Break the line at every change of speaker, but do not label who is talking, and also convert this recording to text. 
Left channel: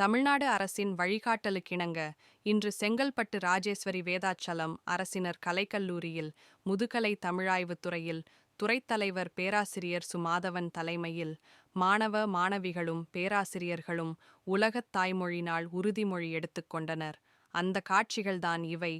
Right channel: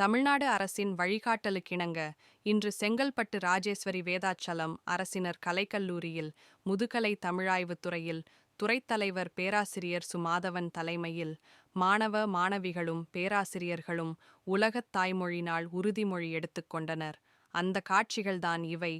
தமிழ்நாடு அரசின் வழிகாட்டலுக்கிணங்க இன்று செங்கல்பட்டு ராஜேஸ்வரி வேதாச்சலம் அரசினர் கலைக்கல்லூரியில் முதுகலை தமிழாய்வுத் துறையில் துறைத்தலைவர் பேராசிரியர் சுமாதவன் தலைமையில் மாணவ மாணவிகளும் பேராசிரியர்களும் உலகத் தாய்மொழி நாள் உறுதிமொழி எடுத்துக்கொண்டனர் அந்த காட்சிகள்தான் இவை.